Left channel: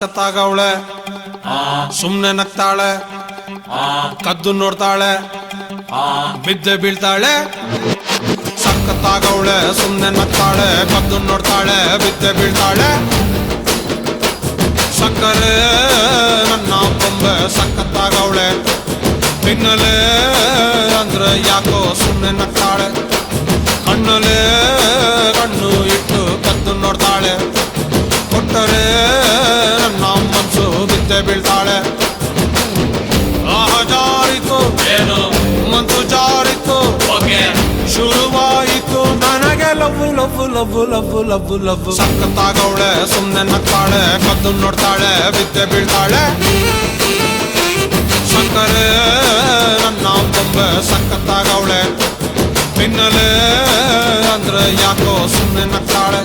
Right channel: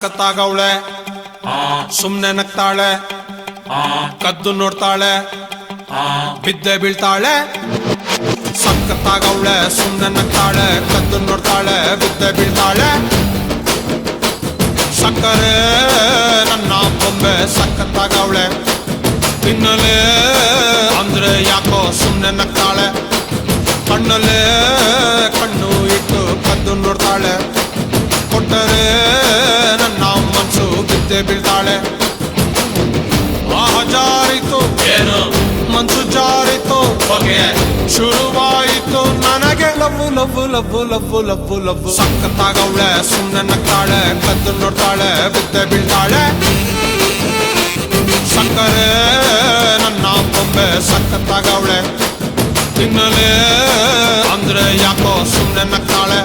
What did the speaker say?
ಸತ್ತಾಗವಳೆ ಸುಮ್ನೆ ನಗ್ತಾಳೆ ಕದ್ದು ನೋಡ್ತಾಳೆ ಬಿದ್ದೆ ಬೀಳ್ತಾಳೆ ಸಕ್ಕತ್ತಾಗವಳೆ ಸುಮ್ನೆ ನಗ್ತಾಳೆ ಕದ್ದು ನೋಡ್ತಾಳೆ ಬಿದ್ದೆ ಬೀಳ್ತಾಳೆ ಸಕ್ಕರೆ ನನ್ನ ಬೊಮ್ಮೆ ಸಕ್ಕತ್ತಾಗವಳೆ ತಿನ್ನಲೆ ಅಂದ್ರೆ ಯಾಕೋ ಸುಮ್ನೆ ನಗ್ತಾಳೆ ಹಣ್ಣಲೆ ಹಣ್ಣು ಇಟ್ಟು ಕದ್ದು ನೋಡ್ತಾಳೆ ಕೊಟ್ಟರೆ ನನ್ನ ಮನಸ್ಸು ಬಿದ್ದೆ ಬೀಳ್ತಾಳೆ ಜಾರಿತು ಏನು ಮನ್ಸು ಜಾರಿತು ಹೊಗೆ ಶುರುವಾಯಿತು ನನಗೆ love love love love love love ಸಕ್ಕತ್ತಾಗವಳೆ ಸುಮ್ನೆ ನಗ್ತಾಳೆ ಕದ್ದು ನೋಡ್ತಾಳೆ ಬಿದ್ದೆ ಬೀಳ್ತಾಳೆ ಸಕ್ಕರೆ ನನ್ನ ಬೊಮ್ಮೆ ಸಕ್ಕತ್ತಾಗವಳೆ ತಿನ್ನಲೆ ಅಂದ್ರೆ ಯಾಕೋ ಸುಮ್ನೆ ನಗ್ತಾಳೆ